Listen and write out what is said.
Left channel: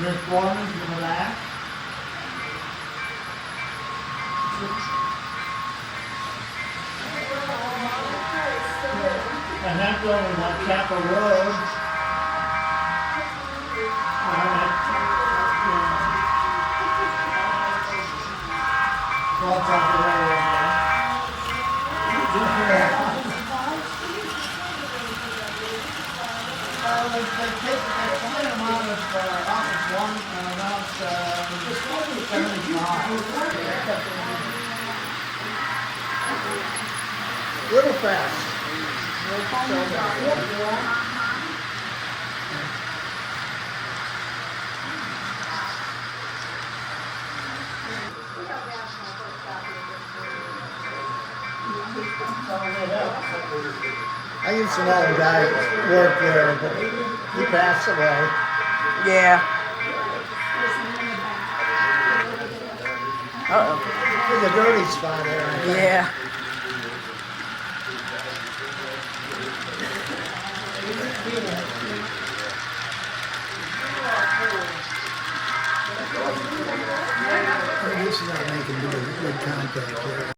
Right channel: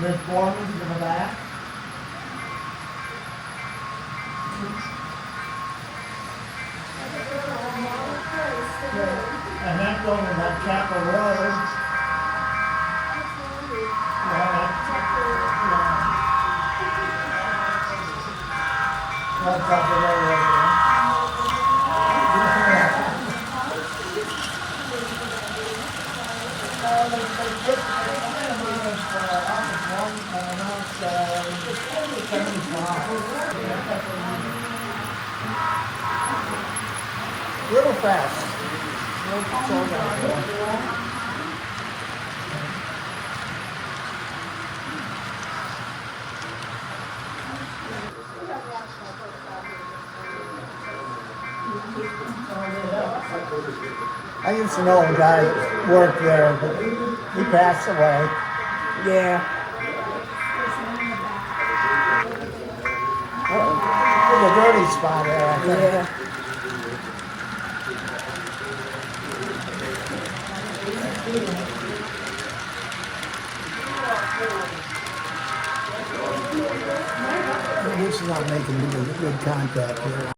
Miss Foreman's in the back. And that going like Chapel Road. What's up the road they get a good amount of office one amount just only comes by. Little fast. I used to know a guy that worked there, but he passed away. Yeah. Uh-oh. There's a dirty spot there, I think. Yeah. This is not making good contact here.